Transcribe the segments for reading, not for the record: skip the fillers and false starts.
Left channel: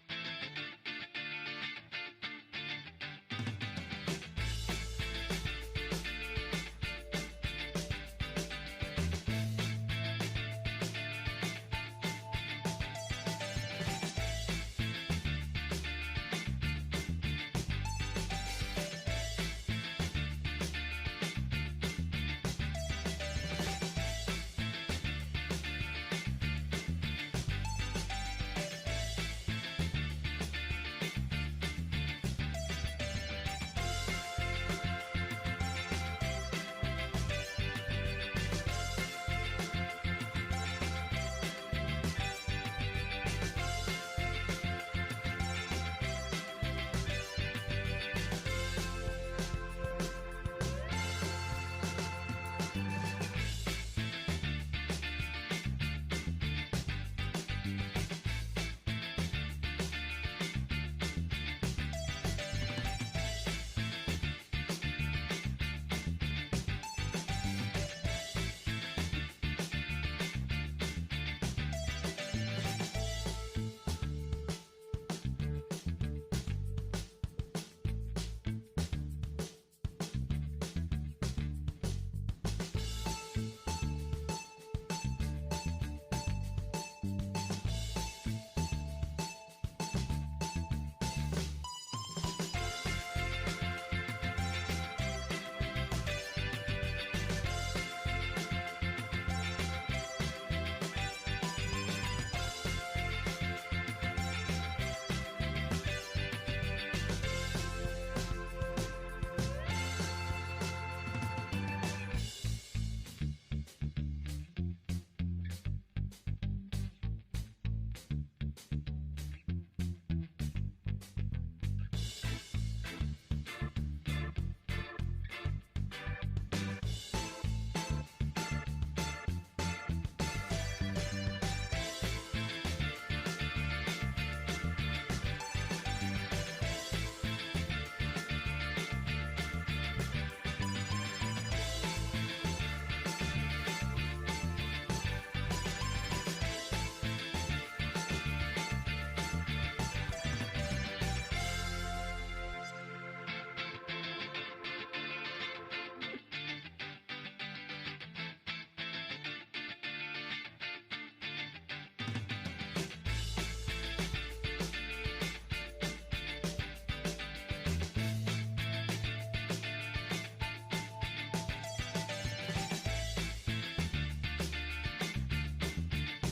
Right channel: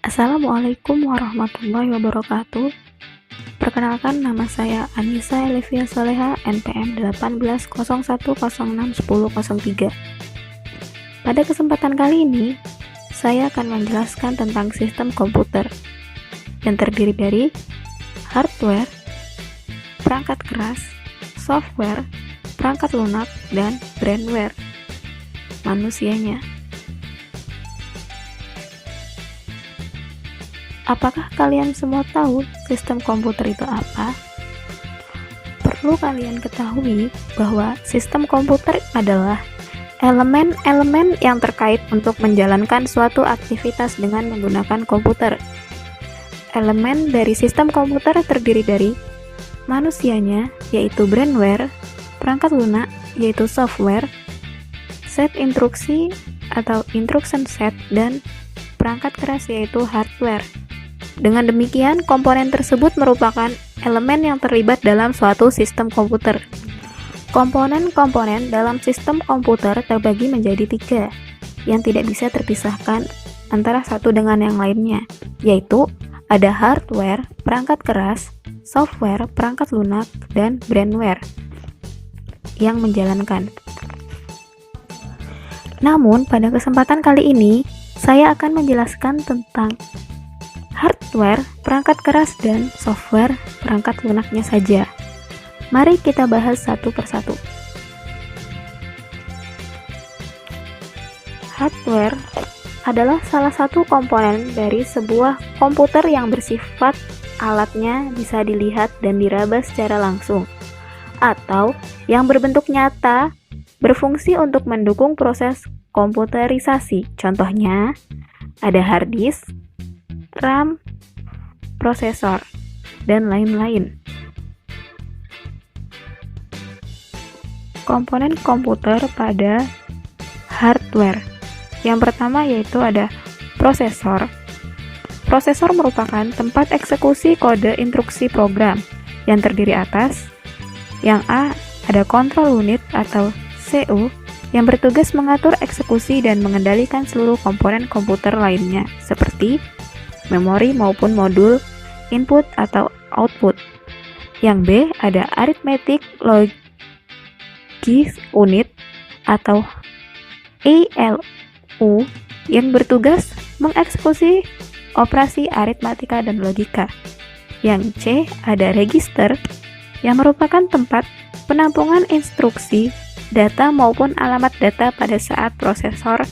Assalamualaikum warahmatullahi wabarakatuh. Perkenalkan, nama saya Anissa Elevia Soleha, NPM 1801061003. Pada kesempatan kali ini, saya akan menjelaskan tentang sistem komputer yang terdiri dari hardware, perangkat keras, software, perangkat lunak, dan brandware, manusianya. Apakah kalian semua tahu sistem komputer itu apa? Perlu kalian ketahui bahwa sistem komputer adalah elemen-elemen yang terkait untuk menjalankan suatu aktivitas dengan menggunakan komputer. Elemen dari sistem komputer terdiri dari manusianya, yaitu brandware, perangkat lunak, yaitu software, set instruksi atau instruction set, dan perangkat keras, yaitu hardware. Dengan demikian, komponen tersebut merupakan elemen yang terlibat dalam suatu sistem komputer. Komponen-komponen dalam sistem komputer terbagi menjadi 3, yang tidak bisa terpisahkan antara satu dengan yang lainnya, yaitu ada hardware, perangkat keras, software, perangkat lunak, dan brandware yang menjalankan. Namun, pada kesempatan kali ini, saya akan menjelaskan tentang hardware, perangkat keras, dan software, perangkat lunaknya saja. Mari kita bahas satu persatu. Hardware adalah salah satu komponen dari sebuah komputer yang bersifat alatnya bisa dilihat dan diraba secara langsung, atau yang berbentuk nyata, berfungsi untuk mendukung proses komputerisasi. Contohnya, ada hard disk, RAM, prosesor, dan lain-lain. Komponen komputer pada hardware. Yang pertama yaitu ada prosesor. Prosesor merupakan tempat eksekusi kode instruksi program yang terdiri atas yang A, ada control unit atau CPU yang bertugas mengatur eksekusi dan mengendalikan seluruh komponen komputer lainnya seperti memori maupun modul, input atau output. Yang B, ada arithmetic logic unit atau ALU yang bertugas mengeksekusi operasi aritmatika dan logika. Yang C, ada register yang merupakan tempat penampungan instruksi, data maupun alamat data pada saat prosesor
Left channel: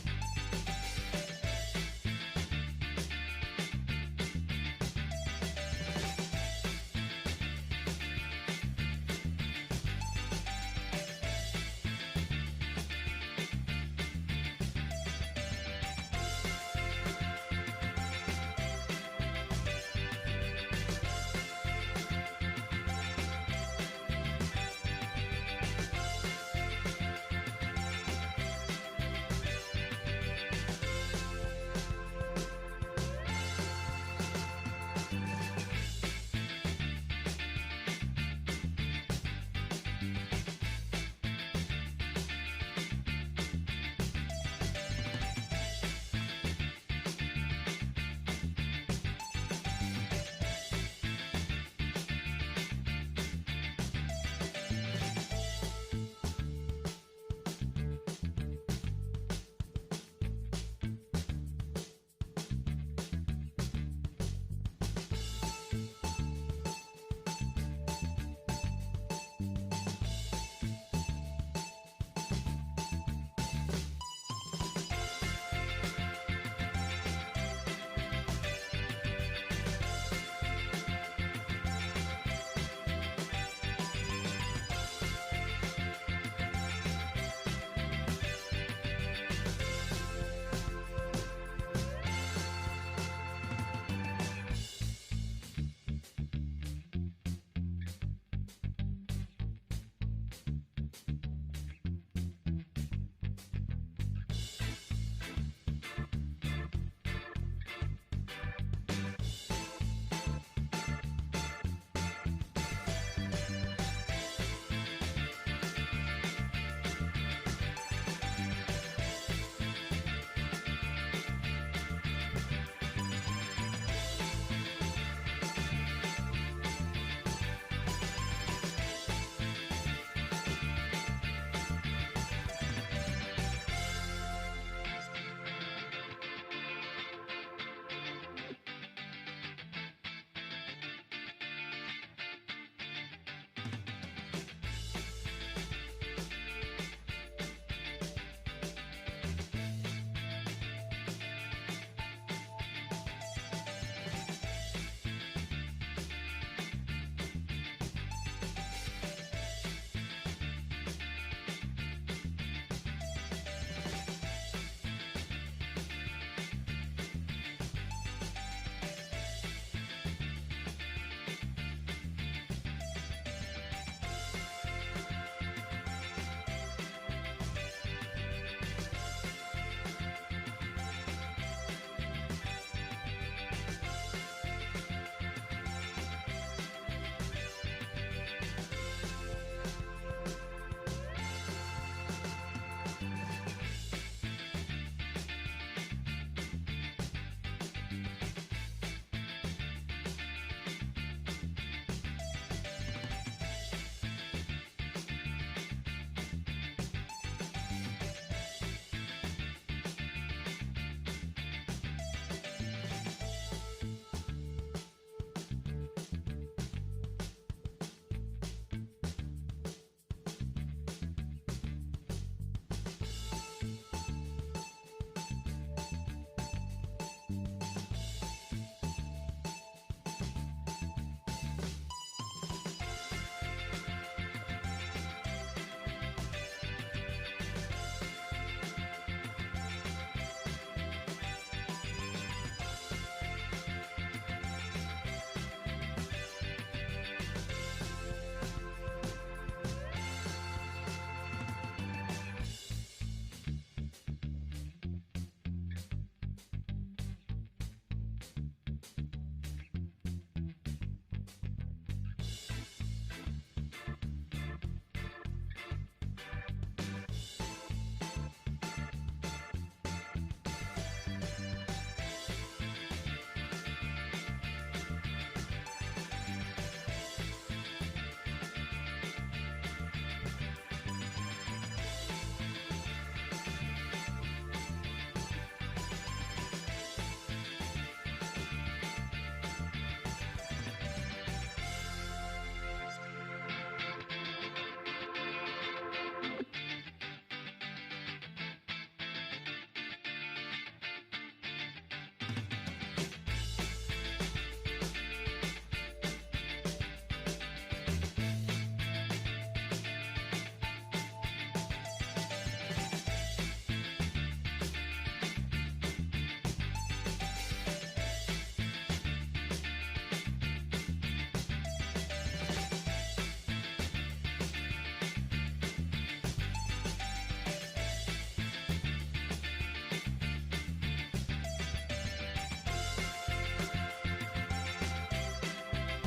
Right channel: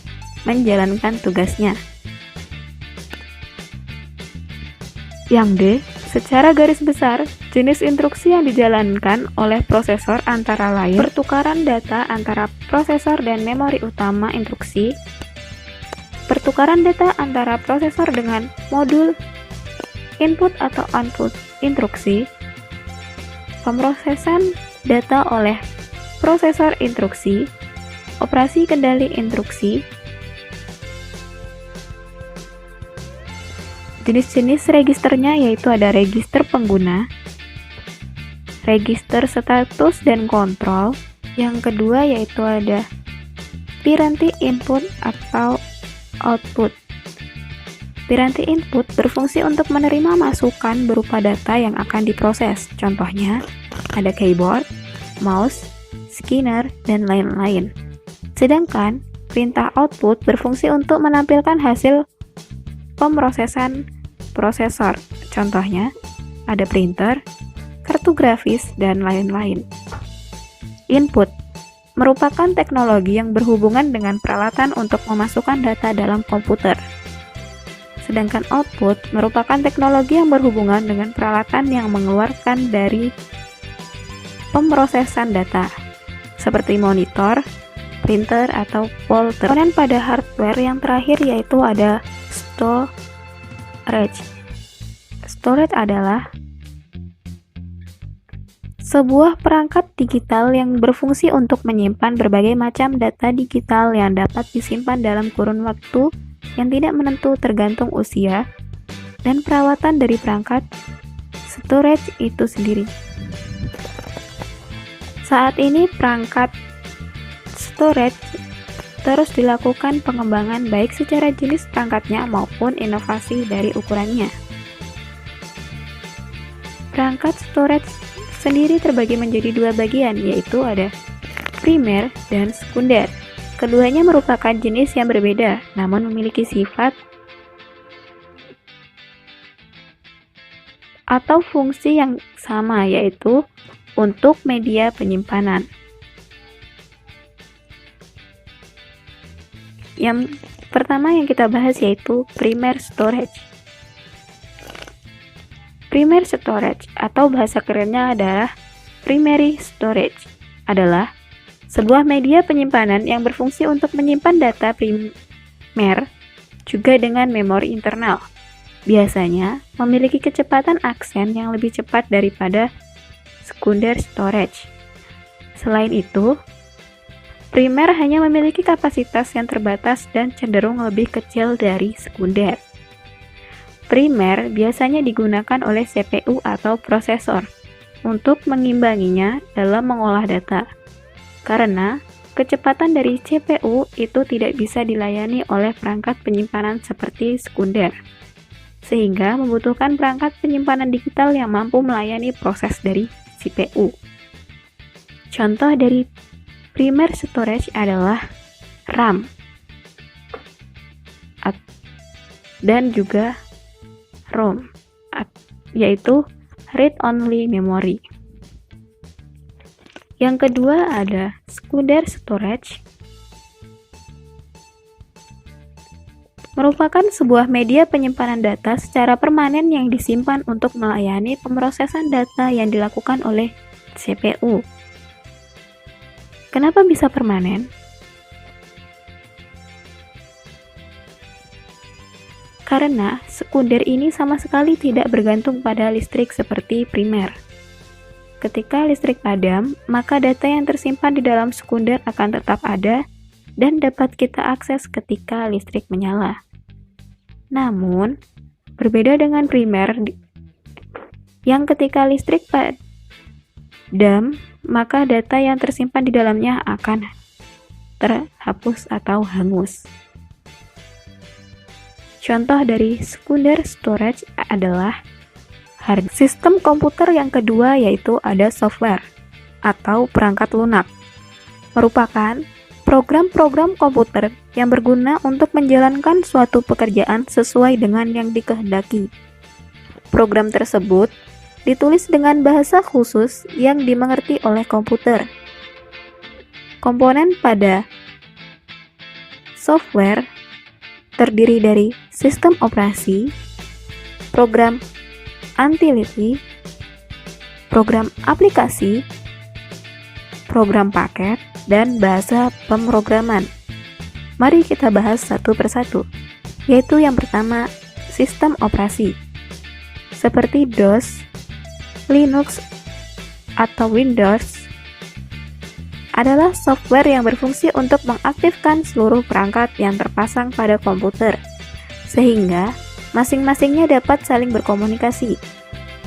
menjalankan tugasnya. Yang D, secara garis besar, jenis instruksi yang dijalankan oleh prosesor antara lain pertukaran data antara prosesor dan memori utama instruksi, pertukaran data antara prosesor dengan modul input atau output instruksi, pemrosesan data oleh prosesor instruksi, operasi kendali instruksi. Jenis-jenis registernya yaitu ada register pengguna, register status dan kontrol. Yang kedua yaitu ada piranti input atau output. Piranti input berfungsi untuk menerima masukan berupa data yang akan diproses. Contohnya ada keyboard, mouse, scanner, dan lain-lain. Sedangkan perintah output berfungsi untuk menampilkan hasil pemrosesan prosesor. Contohnya, ada printer, kartu grafis, dan lain-lain. Input merupakan teknologi yang berhubungan dengan peralatan untuk memasukkan data dalam komputer. Sedangkan output merupakan teknologi yang berhubungan dengan peralatan yang mengeluarkan dari pemrosesan data, seperti monitor, printer, atau plotter. Kemudian pada hardware yang terakhir yaitu ada storage. Storage adalah sebuah perangkat digital yang berfungsi untuk menyimpan berbagai macam data digital yang dapat disimpan dalam kurun waktu yang tidak menentu tergantung usia dan perawatan dari perangkat storage itu sendiri. Saat ini perangkat storage terus dilakukan pengembangan baik secara jenis perangkatnya maupun inovasi dari ukurannya. Perangkat storage sendiri terbagi menjadi dua bagian, yaitu ada primer dan sekunder. Keduanya merupakan jenis yang berbeda, namun memiliki sifat atau fungsi yang sama, yaitu untuk media penyimpanan. Yang pertama yang kita bahas yaitu primer storage. Primer storage atau bahasa kerennya adalah primary storage adalah sebuah media penyimpanan yang berfungsi untuk menyimpan data primer juga dengan memori internal. Biasanya memiliki kecepatan akses yang lebih cepat daripada sekunder storage. Selain itu, primer hanya memiliki kapasitas yang terbatas dan cenderung lebih kecil dari sekunder. Primer biasanya digunakan oleh CPU atau prosesor untuk mengimbanginya dalam mengolah data, karena kecepatan dari CPU itu tidak bisa dilayani oleh perangkat penyimpanan seperti sekunder, sehingga membutuhkan perangkat penyimpanan digital yang mampu melayani proses dari CPU. Contoh dari primer storage adalah RAM dan juga ROM, yaitu read-only memory. Yang kedua ada sekunder storage, merupakan sebuah media penyimpanan data secara permanen yang disimpan untuk melayani pemrosesan data yang dilakukan oleh CPU. Kenapa bisa permanen? Karena sekunder ini sama sekali tidak bergantung pada listrik seperti primer. Ketika listrik padam, maka data yang tersimpan di dalam sekunder akan tetap ada dan dapat kita akses ketika listrik menyala. Namun, berbeda dengan primer yang ketika listrik padam, maka data yang tersimpan di dalamnya akan terhapus atau hangus. Contoh dari sekunder storage adalah hard sistem komputer. Yang kedua yaitu ada software atau perangkat lunak, merupakan program-program komputer yang berguna untuk menjalankan suatu pekerjaan sesuai dengan yang dikehendaki. Program tersebut ditulis dengan bahasa khusus yang dimengerti oleh komputer. Komponen pada software terdiri dari sistem operasi, program utility, program aplikasi, program paket, dan bahasa pemrograman. Mari kita bahas satu persatu, yaitu yang pertama, sistem operasi. Seperti DOS, Linux, atau Windows, adalah software yang berfungsi untuk mengaktifkan seluruh perangkat yang terpasang pada komputer, sehingga masing-masingnya dapat saling berkomunikasi.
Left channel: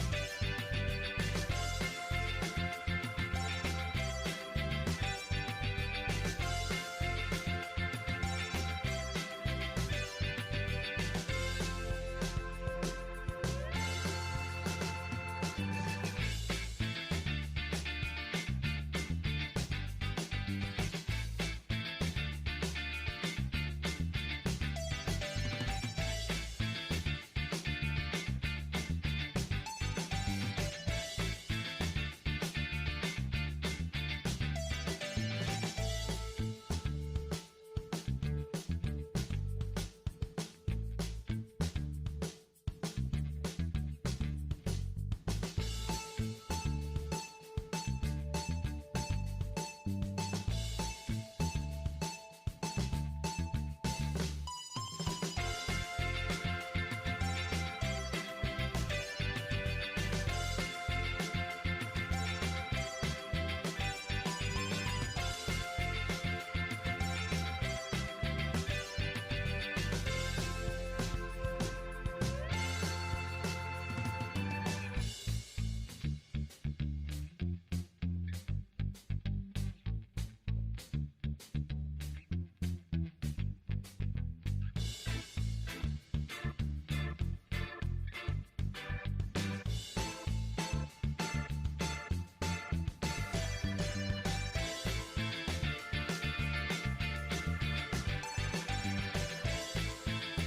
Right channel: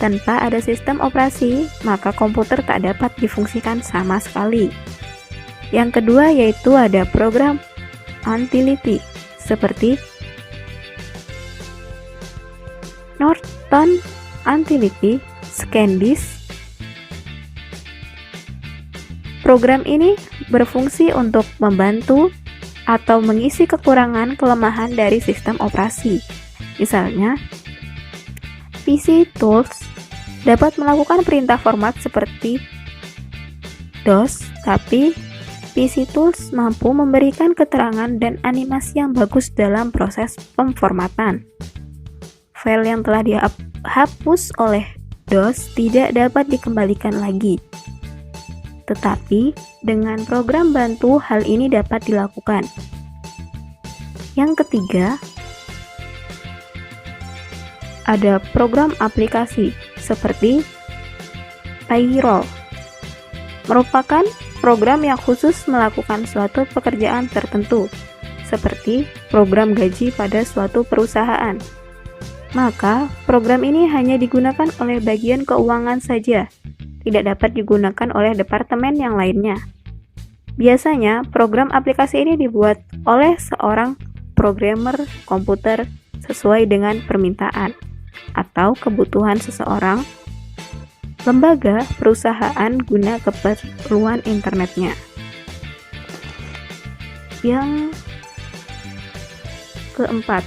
Tanpa ada sistem operasi, maka komputer tak dapat difungsikan sama sekali. Yang kedua yaitu ada program utility, seperti Norton Utility, ScanDisk. Program ini berfungsi untuk membantu atau mengisi kekurangan kelemahan dari sistem operasi. Misalnya, PC Tools dapat melakukan perintah format seperti DOS, tapi PC Tools mampu memberikan keterangan dan animasi yang bagus dalam proses pemformatan. File yang telah dihapus oleh DOS tidak dapat dikembalikan lagi. Tetapi, dengan program bantu hal ini dapat dilakukan. Yang ketiga, ada program aplikasi seperti Payroll. Merupakan program yang khusus melakukan suatu pekerjaan tertentu, seperti program gaji pada suatu perusahaan. Maka, program ini hanya digunakan oleh bagian keuangan saja, tidak dapat digunakan oleh departemen yang lainnya. Biasanya, program aplikasi ini dibuat oleh seorang programmer komputer sesuai dengan permintaan atau kebutuhan seseorang, lembaga, perusahaan guna keperluan internetnya. Yang keempat,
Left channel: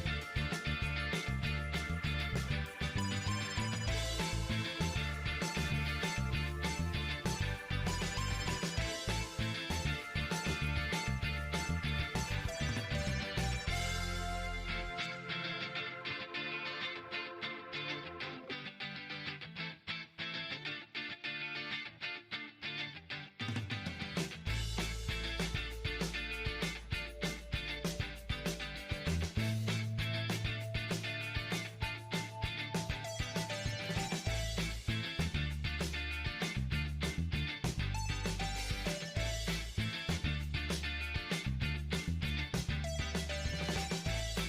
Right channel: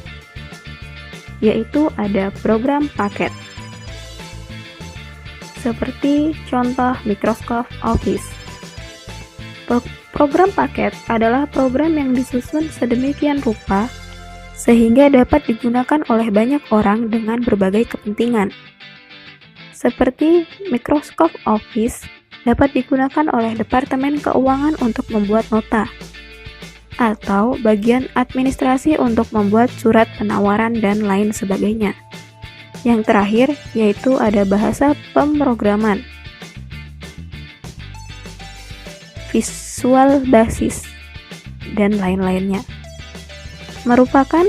yaitu ada program paket. Seperti contoh Microsoft Office. Program paket adalah program yang disusun sedemikian rupa sehingga dapat digunakan oleh banyak orang dengan berbagai kepentingan. Seperti Microsoft Office dapat digunakan oleh Departemen Keuangan untuk membuat nota, atau bagian administrasi untuk membuat surat penawaran dan lain sebagainya. Yang terakhir yaitu ada bahasa pemrograman, Visual Basic, dan lain-lainnya. Merupakan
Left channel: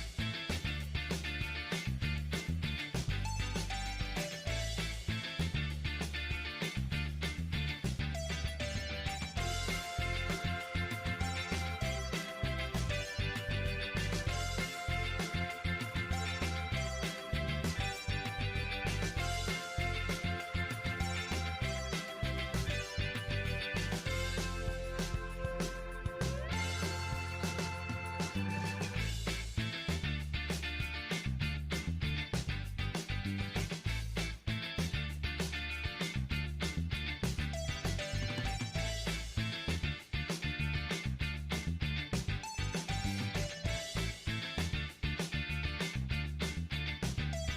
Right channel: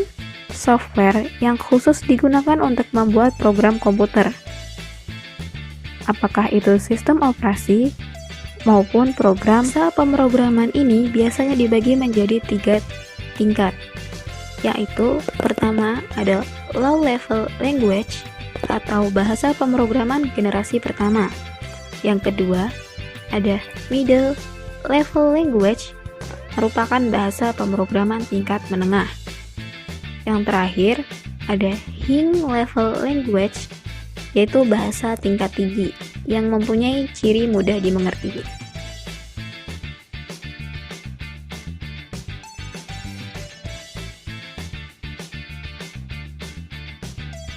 software yang khusus digunakan untuk membuat program komputer. Apakah itu sistem operasi maupun program. Pemrograman ini biasanya dibagi menjadi 3 tingkat, yaitu pertama ada low level language atau bahasa pemrograman generasi pertama. Yang kedua ada middle level language, merupakan bahasa pemrograman tingkat menengah. Yang terakhir ada high level language, yaitu bahasa tingkat tinggi yang mempunyai ciri mudah dimengerti.